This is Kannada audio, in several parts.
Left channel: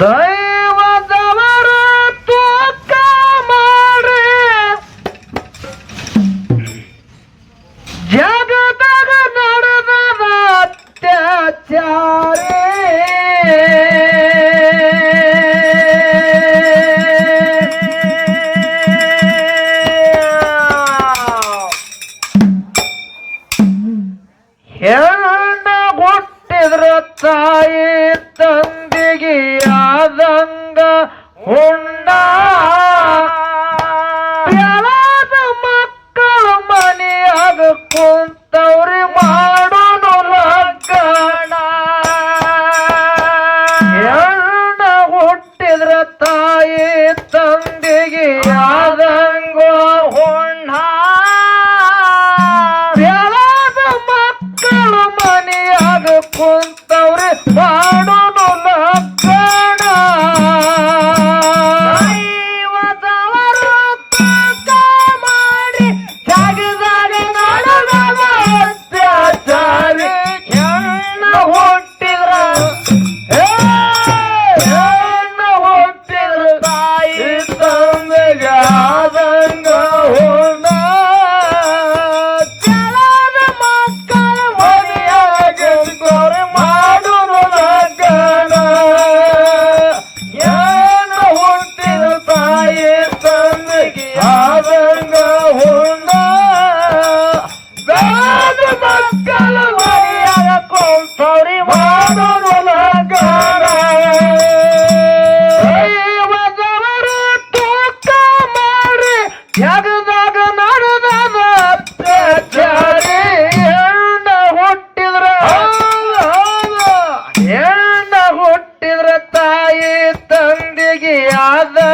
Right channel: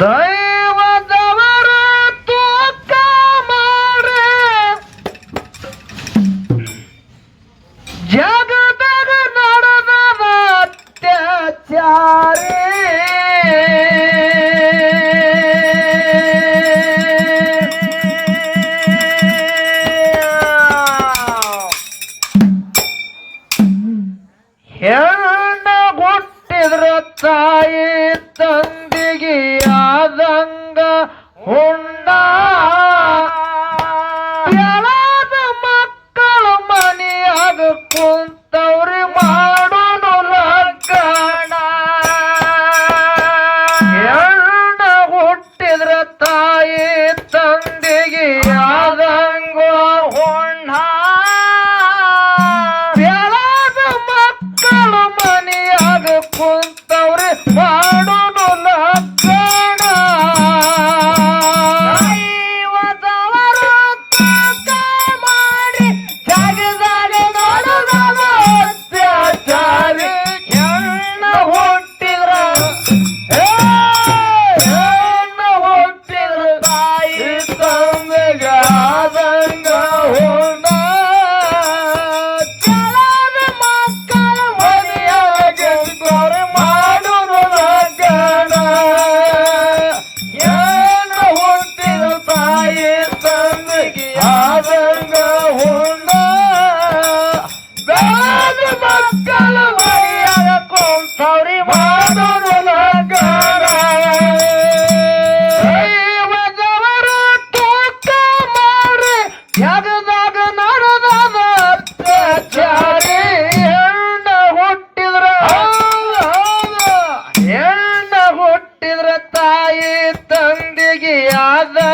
ದೈವದವರು ತೂಕ ಮಾಡಿ ಜಗದಾಗ ನಡೆದ ಅತ್ಯಾಚಾರಿ. ಹೆಣ್ಣ ಗೊತ್ತಿದ್ರ ತಾಯಿ ತಂದಿಗೆ మదంగ ఉండా other.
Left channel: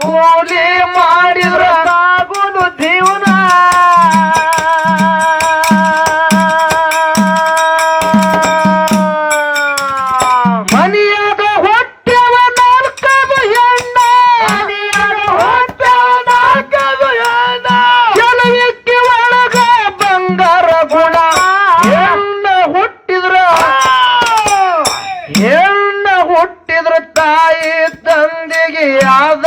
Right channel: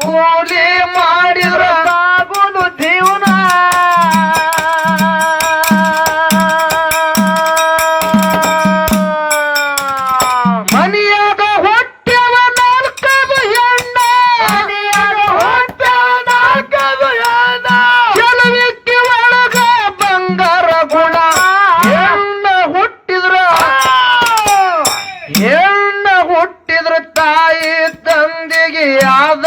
ಕೂಲಿ ಮಾಡಿದ್ರ ಆಗುದು ಜೀವನ. ಮನೆಯಾಗ ಗುಣ. ಹೆಣ್ಣ ಹುಟ್ಟಿದ್ರ. ಹೆಣ್ಣ ತಾಯಿ ತಂದೆಗೆ ಯಾವ್ದ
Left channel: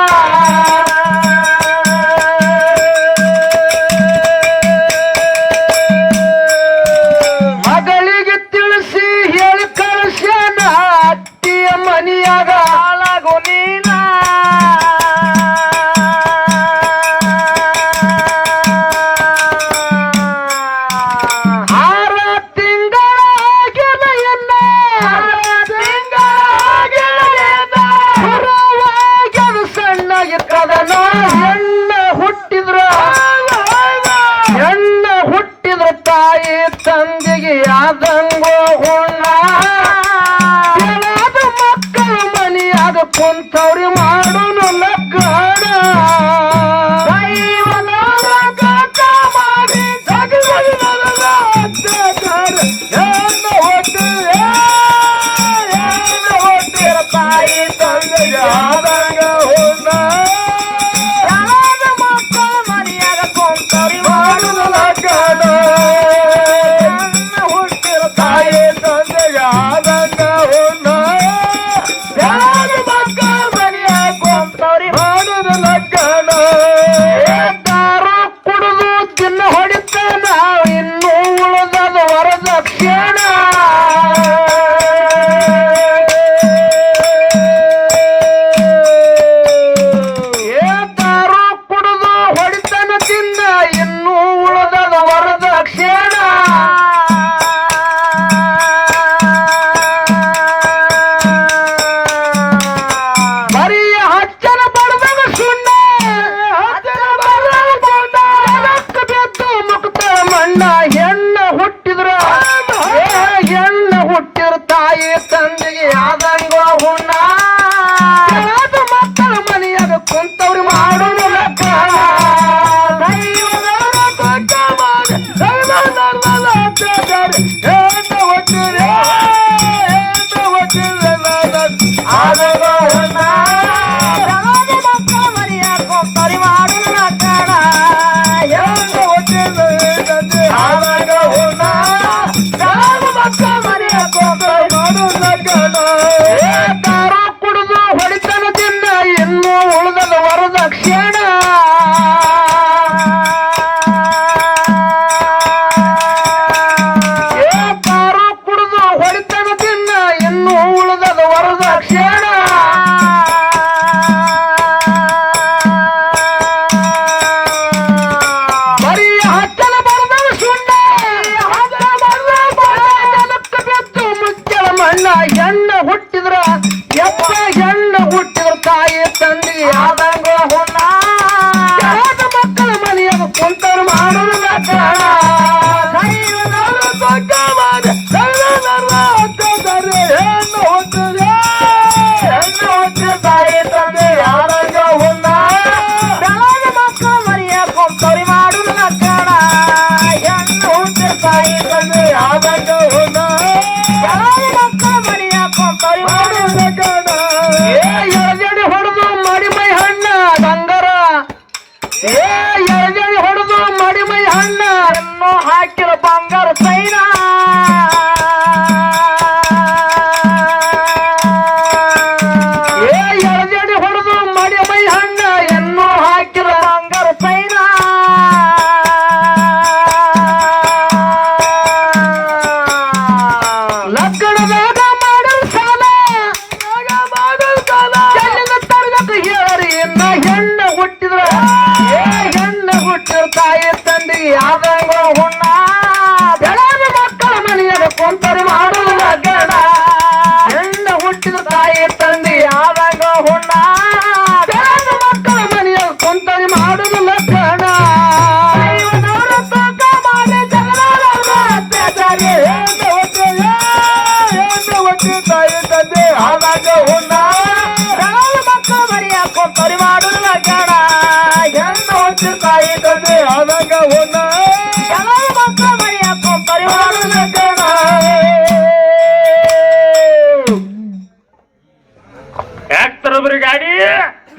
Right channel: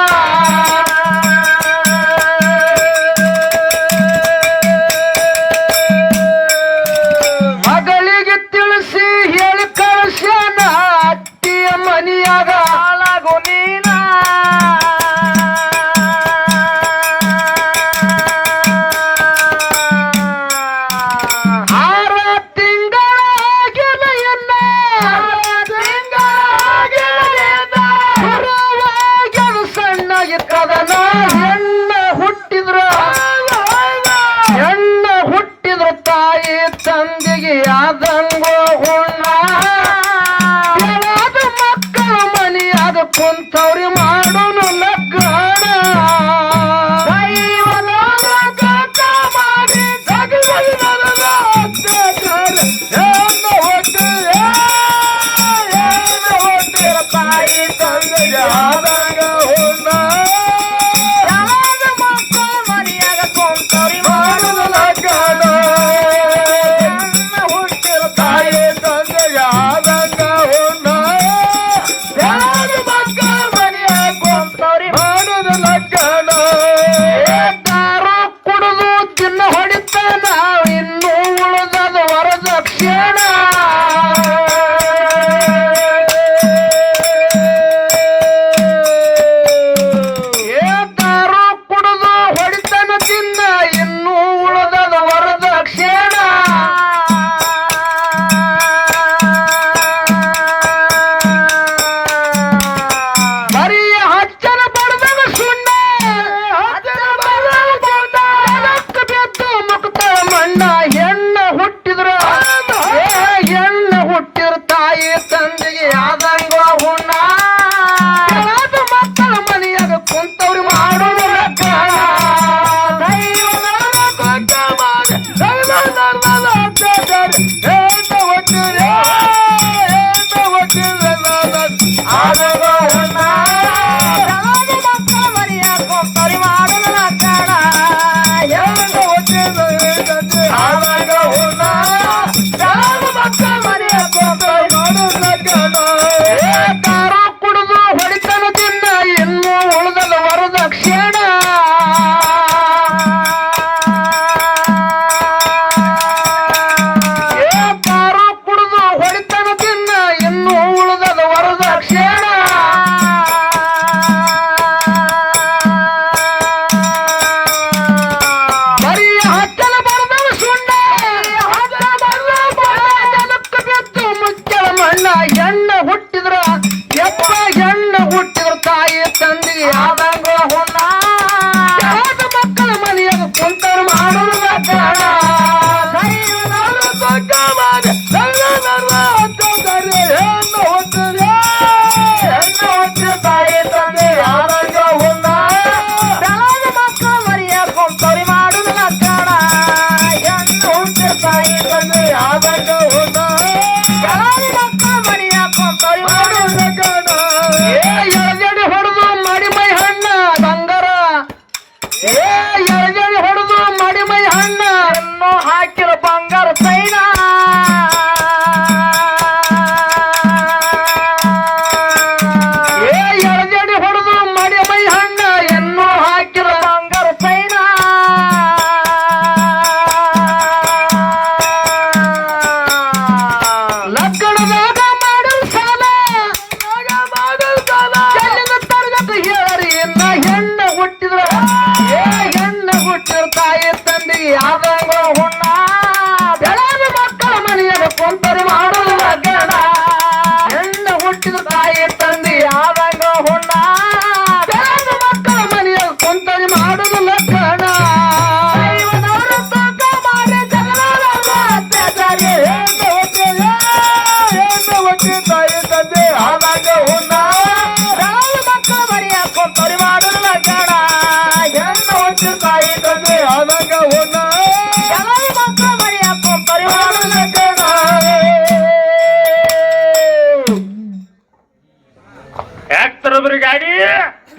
ಇದ್ದದನ ಹೆಣ್ಣ ಹುಟ್ಟಿದ್ರ. ಹೆಣ್ಣ ಹುಟ್ಟಿದ್ರ ತಾಯಿ ತಂದೆಗೆ ಆದಂಗೋ ಹುಣ್ಣ. ಮಕ್ಕಳ ಮನಿ ಅದು ಕುಂತವ್ರಿ ಮಾಡೋನು ಲಗ್ಗಣ ಎಣ್ಣ ಹೆಣ್ಣ ಹುಟ್ಟಿದ್ರ? ಎಪ್ಪ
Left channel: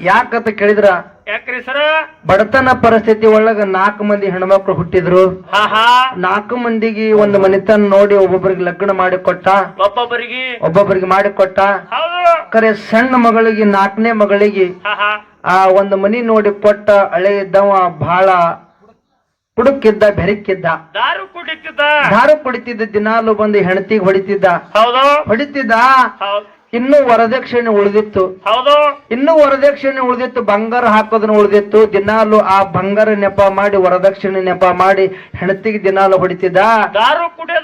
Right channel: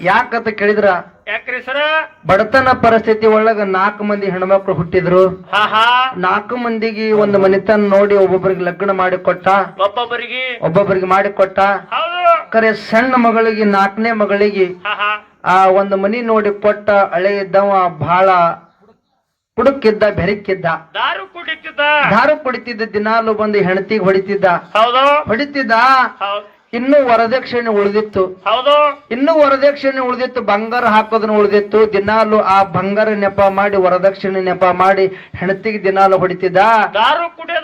ಯಾಕಂತ ಕೇಳಿದ್ರ? ಯಾಕ್ರಿ ಸರ? ಬಡತನ ಪರಿಸ್ಥಿತಿ ಒಳಗ ನಾಲ್ಕು ಮಂದಿ ಹೆಣ್ಮಕ್ಳು ಹುಟ್ಟಿದ್ರು. ನಾಲ್ಕು ಮಂದಿಗೆ ಒಂದು ಮನೆತನ ನೋಡಿ ಒಬ್ಬೊಬ್ಬರಿಗೆ ಲಗ್ನ ಮಾಡಿ ಕೊಟ್ಟ. ಒಬ್ಬೊಬ್ಬರಿಗೆ? ಒಬ್ಬೊಬ್ಬರಿಗೆ ಮಾಡಿ ಕೊಟ್ಟ. ಕರೆ ಸಣ್ಣ ಮಗಳಿಗೆ ನಾಲ್ಕನೇ ಮಗಳಿಗೆ ಆ ಒಂದು ಮನಿ ನೋಡಿ ಕೊಟ್ಟ ಹಳೆ ಇದ್ದವ ಬಹಳ ಕುಡುಕಿದ್ದ ಬೆರಕಿದ್ದ. ದಾರು ಕುಡಿತಿದ್ದ. ದಾರು ಕುಡಿತಿದ್ದ ದಿನಾಲು ಬಂದು ಹೆಣತಿಗೆ ಹೊಡಿತಿದ್ದ. ಹೌದು. ಹೊಡಿತಿದ್ದ. ಇನ್ನೂ ವರದಕ್ಷಿಣೆ ಉಳಿದಿತ್ತು. ಹೌದು. ಇನ್ನೂ ವರದಕ್ಷಿಣೆ ಉಳಿದಿತ್ತು ಬಂಗಾರ ಹಾಕೋದನ್ನ ಉಳಿದಿತ್ತು. ದಿನಾಲು ಆ ಬಂಗಾರ ನೆಪ ಮಾಡಿ ವರದಕ್ಷಿಣೆ ನೆಪ ಮಾಡಿ ಹೆಣತಿಗೆ ದಿನಾಲು ಹೊಡಿತಿದ್ದ. ದಾರು ಕುಡಿಯೋದು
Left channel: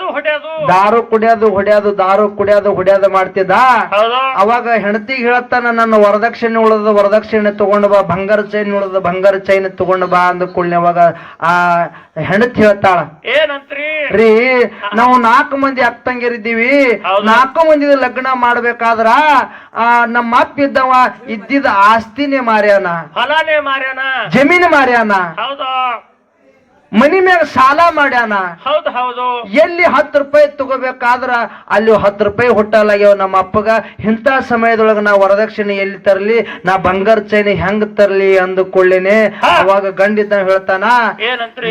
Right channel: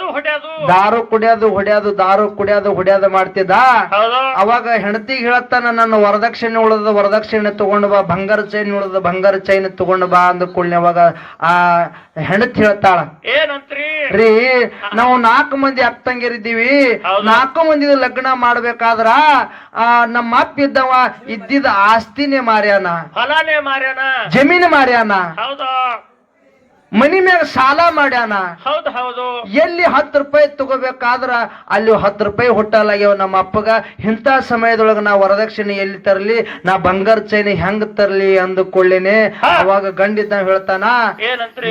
ದಾರು ಕುಡಿಯೋದು ಹೊಡ್ಯೋದು ದಾರು ಕುಡಿಯೋದು ಹೊಡ್ಯೋದು ಮಾಡ್ತಿದ್ದ? ಅವಾಗ ಹೆಂಡತಿಗೆ ಹೇಳತ್ತಾನ ನನ್ನ ವರದಕ್ಷಿಣೆ ಉಳದ ವರದಕ್ಷಿಣೆ ತಗೊಂಡು ಬಾ ಬಂಗಾರ ಚೈನ್ ಉಳದ ಬಂಗಾರ ಚೈನ್ ತಗೊಂಡು ಬಾ ಅಂದ ಕೂಡಲೇ ಅವಾಗ ಆ ಹೆಂಡತಿ ಹೇಳ್ತಾಳ ರೀ ನಾವು ನಾಲ್ಕು ಮಂದಿ ಅಕ್ಕಂಗಿರಿದ್ದೀವಿ. ನಾಲ್ಕು ಮಂದಿ ಲಗ್ನ ಮಾಡ್ಬೇಕಾದ್ರ ಆ ನಮ್ಮ ಅಪ್ಪ ಇದ್ದವ ಇದ್ದಿದ ಆಸ್ತಿನೇ ಮಾರ್ಯಾನ. ಜಮೀನು ಮಾರ್ಯಾನ. ಹೌದು. ಮನಿ ಮೇಲೆ ಸಾಲ ಮಾಡ್ಯಾನ? ಹೌದು ಹೌದು. ಎಲ್ಲಿ ಹತ್ತು ರೂಪಾಯಿ ತಗೋಬೇಕಾದ್ರ ಅಲ್ಲಿ ಹತ್ತು ರೂಪಾಯಿ ಹುಟ್ಟಲಾಗ್ಯಾವ ನಮ್ಮ ಅಪ್ಪಗ. ಇಂಥ ಸಮಯದೊಳಗ ನಾ ವರದಕ್ಷಿಣೆ ಎಲ್ಲಿ ತರಲಿ? ನಾ ಬಂಗಾರ ಚೈನಿ ಹೆಂಗ್ ತರ್ಲಿ ಅಂದುಕೊಳ್ಳೇನೆ? ಹಾ. ಅವಾಗ ಗಂಡಿದ್ದ ಹೇಳ್ತಾನ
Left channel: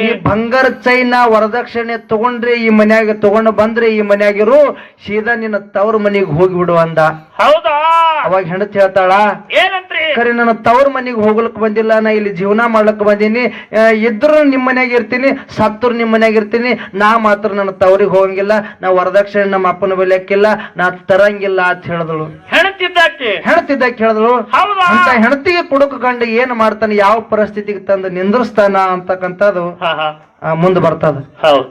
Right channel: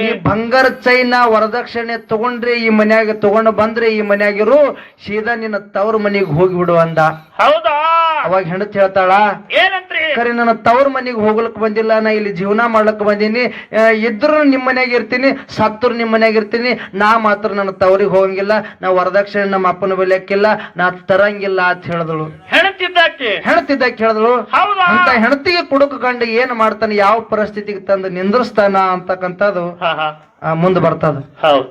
ಈ ಬಂಗಾರ ಚೈನ ವರದಕ್ಷಿಣೆ ತಗೊಂಡ್ರಿ ಈ ಮನ್ಯಾಗ ತಗೊಂಡು ಬಂದ್ರಿ ಈ ಮನ್ಯಾಗಿರು ಸೀದಾ ನಿನ್ನ ತವ್ರ ಮನಿಗೆ ಹೋಗ್ಬಿಡು ಅಂದ. ಹೌದಾ? ಅವಾಗ ಹೆಂಡತಿ ಹೇಳ್ತಾಳ ಏನಂತ್ರಿ? ಕರೆ ನನ್ನ ತವ್ರ ಮನಿಗೆ ಹೋಗ್ಲಕ್ ಬಂದಿಲ್ಲ ನಾ ಇಲ್ಲಿ ಜೀವನ ಮಾಡ್ಲಕ್ ಬಂದೀನಿ. ಇದ್ರು ನಿಮ್ ಮನ್ಯಾಗ ಇರ್ತೀನಿ ಸತ್ತರು ನಿಮ್ಮ ಮನೆಯಾಗ ಇರ್ತೀನಿ ನಾ ಮಾತ್ರ ನನ್ನ ತವರಿಗೆ ಹೋಗಂಗಿಲ್ಲ ನಾ ವರದಕ್ಷಿಣೆ ನಮ್ಮ ಅಪ್ಪನ ಬೆಲೆಕ್ಕಿಲ್ಲ ನಾ ತರಂಗಿಲ್ಲ ಅಂತ ಹೇಳಿದಳು. ಹೆಣತಿದ್ದಕ್ಕೆ? ಹೇಳಿದಳು. ಅಂತ ಹೆಣತಿಗೆ ಕುಡುಕ ಗಂಡ ಏನ್ ಮಾಡ್ತಾನೆ ಯಾವ ಪರಿಸ್ಥಿತಿಗೆ ತಂದು ನಿಂದ್ರಿಸ್ತಾನ ಅಂತಕ್ಕಂಥದ್ದು ಮುಂದೆ ಬರ್ತದ. ಹೌದು.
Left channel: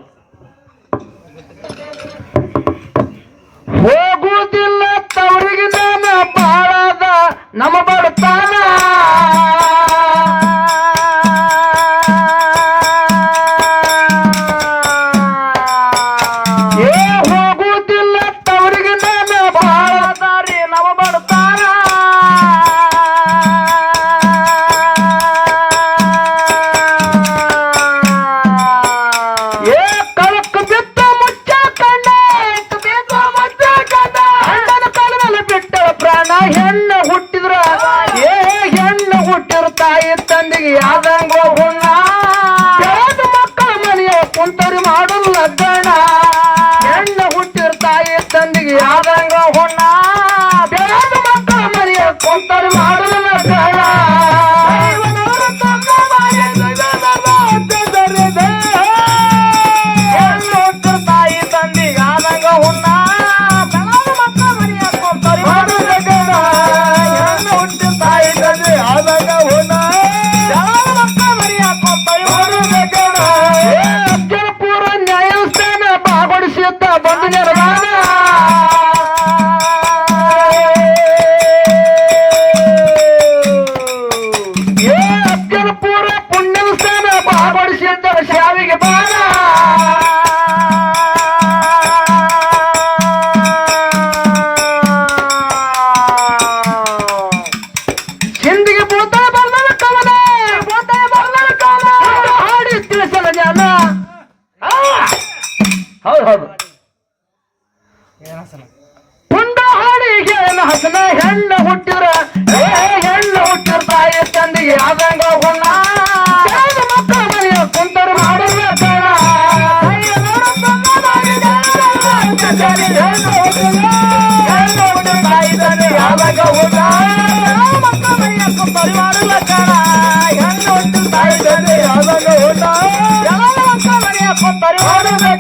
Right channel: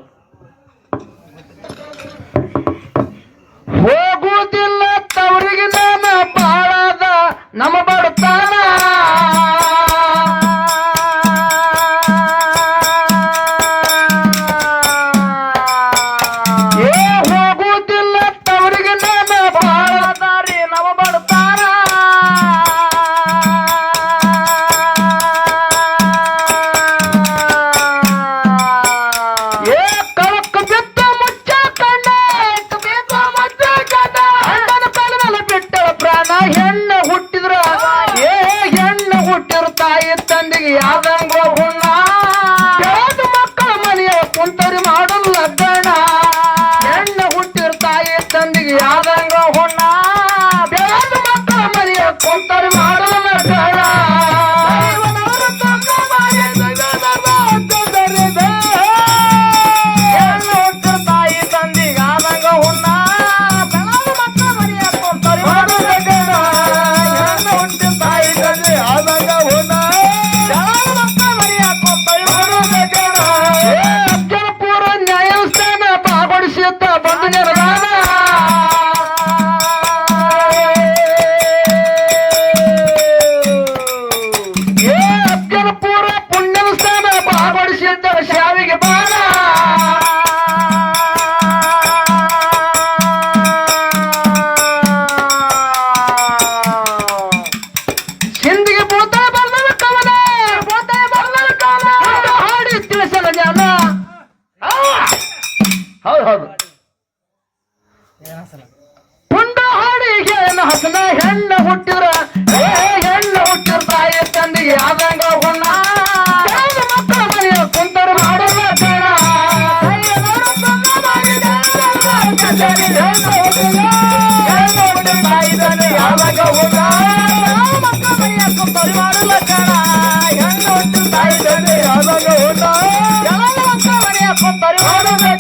ಹೋಗುವುದಿಲ್ಲ ತವರಿಗೆ ನಾನು ಬಾಳದ ನಮ್ಮ ಬಡತಾನ. ಹುಟ್ಟಿರ ತಾಯಿ ತಂದಿಗೆ ಯಾವ್ದಂಗ ಹುಣ್ಣ. ಮಕ್ಕಳ ಮನೆಯ ಕುಂತರಿ ಆ